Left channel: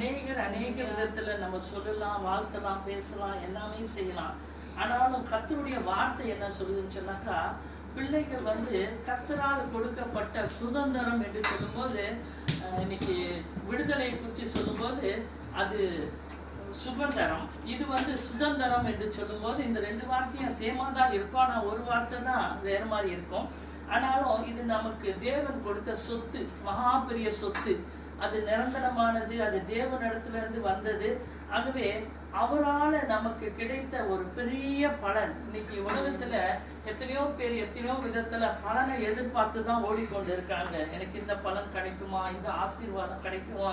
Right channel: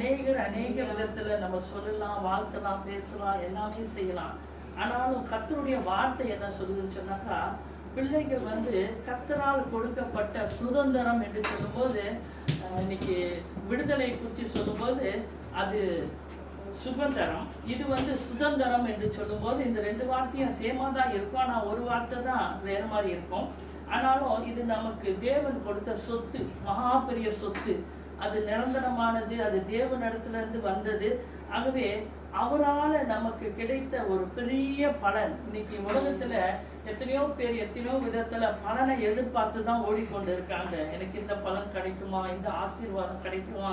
அநேக விதத்துல நம்ம சொல்லலாம், வாழ்த்தலாம், பேசலாம், எல்லாமே செய்யலாம். ஆனாலும் கர்த்தருடைய வார்த்தை என்ன சொல்லுதுன்னு சொன்னாக்கா, பிள்ளைகள் கர்த்தரால் கொடுக்கப்பட்ட சுதந்திரம் என்று சொல்லும்போது, இன்னைக்கு விடுதலை குறித்து சொல்லும்போது அது சுதந்திரம், இது சுதந்திரம் என்று சொல்லும்போது இந்த ரெண்டு வார்த்தையும் சேமா தான் இருக்கும். ஆனா ஒரு வார்த்தை தான் வேற மாதிரி இருக்கும். ஆனாலும் இது நமக்கு தேவன் கொடுத்த சொத்து, மகா பெரிய சொத்து. அது நிரந்தரமானது, அது தேவனிடத்துல இருந்து வந்தது. ஆகவே அவரால் நமக்கு கிடைத்த ஒரு பெரிய பலன். இன்னைக்கு உலகத்துல எத்தனையோ பேர் எத்தனையோ விதத்துல பலனை எதிர்பார்த்து தான் ஓடிக்கொண்டு இருக்காங்க. எனக்கு இந்த பலன் கிடைக்குமா, இந்த ஆசீர்வாதம் கிடைக்குமா,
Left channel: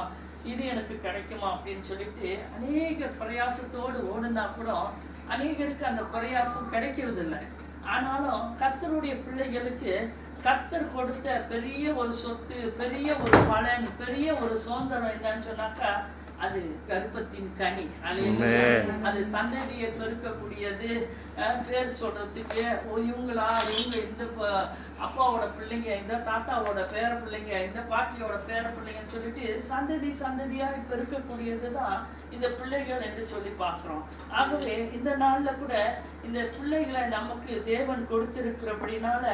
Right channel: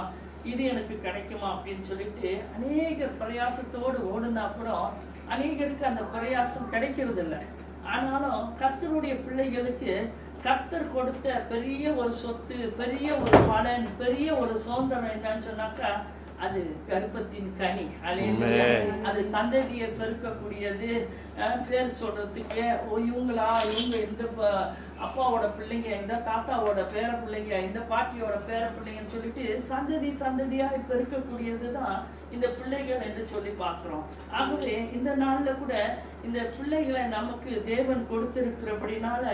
இது எனக்கு கிடைக்குமா அப்படின்னு சொல்லிட்டு அநேக பிரயாசத்தோடு ஓடுனா கூட அநேகருக்கு அந்த பிரயாசம் கிடைக்கிறது இல்லை. ஆனாலும் கர்த்தருடைய பிள்ளைகளுக்கு கர்த்தர் கொடுத்த பெரிய ஒரு சொத்து, பெரிய ஒரு பலன், பெரிய ஒரு சுதந்திரம் என்னன்னு சொன்னாக்கா அது கர்ப்பத்தின் கனி. அது சந்ததியை பெருக்கக்கூடியது. பேர் சொல்றதுக்கு இவங்க இந்த அப்பாவோட பிள்ளைங்க, இந்த தாத்தாவோட பேர பிள்ளைங்க, இந்த பாட்டியோட பேர பிள்ளைங்கன்னு சொல்லிட்டு சந்ததியா பெருக்கக்கூடியதுதான் இந்த பிள்ளைகள் என்று சொல்லி பார்க்கிறோம். ஆகவே இந்த நாள்ல கூட இந்த பிள்ளைகளை நமக்கு தேவன் கொடுத்திருக்கிறபடினால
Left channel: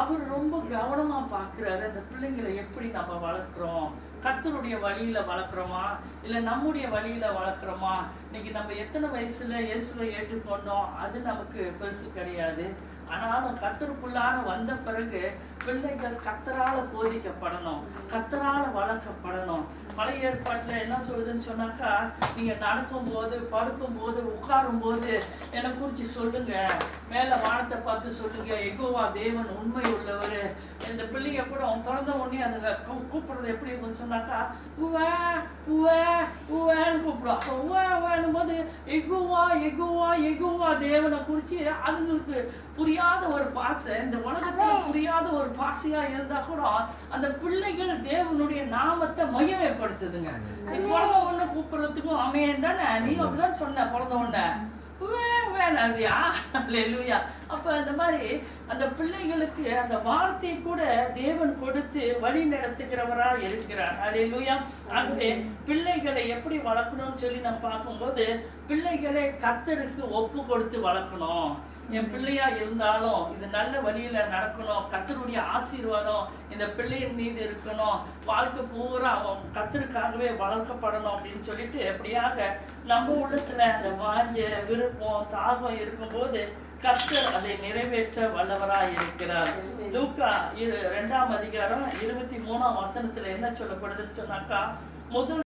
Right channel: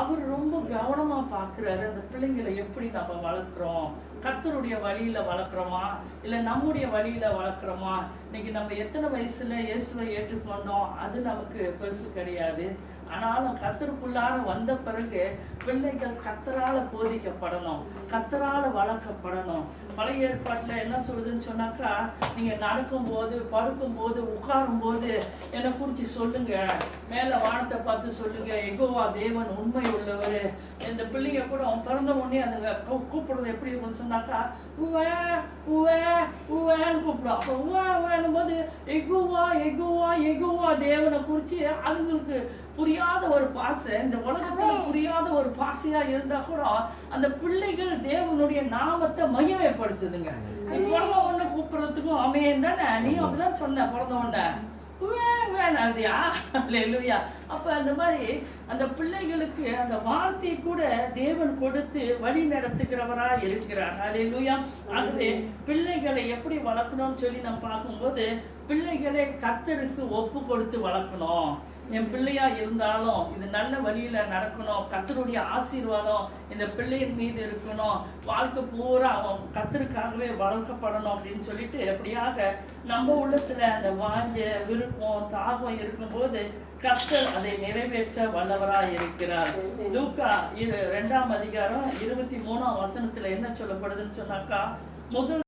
அவர் ரொம்ப கவனமா பாக்குறாரு. அந்த பிள்ளைங்களை எப்படி நம்ம வளர்க்கிறோம், கர்த்தருடைய வழியில வளர்க்குறோமா இல்ல நம்முடைய வழியில வளர்க்குறோமா. இன்னைக்கு நம்ம எத்தனை வயசுல இயேசுவை ஏற்றுக்கொண்டோம் அது நமக்கு பெருசு கிடையாது. ஆனாலும் கர்த்தருக்குள்ளார வந்த பிறகு பிள்ளைகள் கர்த்தரால போதிக்கப்படணும், கர்த்தரால வளர்க்கப்படணும். பழைய ஏற்பாட்டுல என்ன சொல்லுதுன்னு சொன்னாக்கா, நீங்க நடக்கும் போது, படுக்கும் போது, உட்காரும் போது என்னை குறிச்சு சொல்லுங்க, மேல வானத்தை பார்த்து சொல்லுங்க, யெகோவா தேவன் உண்மை உள்ளவர். இந்த பிள்ளைங்க கூட பிறந்த உடனே அந்த கூப்பிடுறது எப்படி இருக்குன்னு சொன்னாக்கா உவே உவே உவேன்னு கூப்பிடும். அப்ப உவே உவேன்னும் போது யெகோவா யெகோவா யெகோவா தேவனை குறிச்சு அதுங்களுக்கு புரியாத ஒரு பாசை, இந்த உலகத்துல புரியாத ஒரு பாசையா இருந்தா கூட அந்த பிள்ளைகள் தேவனுடைய நாமத்தை மகிமைப்படுத்துதுங்க. நீ பிறந்த உடனே கூப்பிடுறதுக்கும் அமையன் தானே, நீ அப்படிதான் சொன்ன பிறந்த உடனே அப்ப அந்த மாதிரி அந்த பிள்ளைகளுக்கு அந்த வார்த்தையை கூட தேவன் கொடுத்து வழி நடத்துகிறவரா இருக்கிறார். அல்லேலூயா. ஆகவே பிள்ளைகளை எப்படி வளர்க்கணும்னு சொல்லி நம்ம பார்க்கும்போது, பிள்ளைகளை கர்த்தருக்கு ஒப்பு கொடுத்து வளர்க்கணும். என் பிள்ளையா இருந்தாலும் இது நல்ல வழியில நடக்கணும், கர்த்தருடைய ஆசீர்வாதம் இந்த பிள்ளையின் மீது இருக்கணும், வாழ்க்கை பூரா அவன் கர்த்தருக்காகவே வளர்க்கப்படணும் அப்படின்னு சொல்லிட்டு எப்படியாக நம்ம உள்ளத்துல அந்த வாஞ்ச விருப்பம் தாகம் இருக்கும்போது கர்த்தர் அதை நிறைவேற்ற வல்லவரா இருக்கிறார். லூக்கா 2ஆம் அதிகாரம் 23ஆம் வசனத்துல என்ன சொல்லப்படுதுன்னு சொன்னாக்கா, முதல்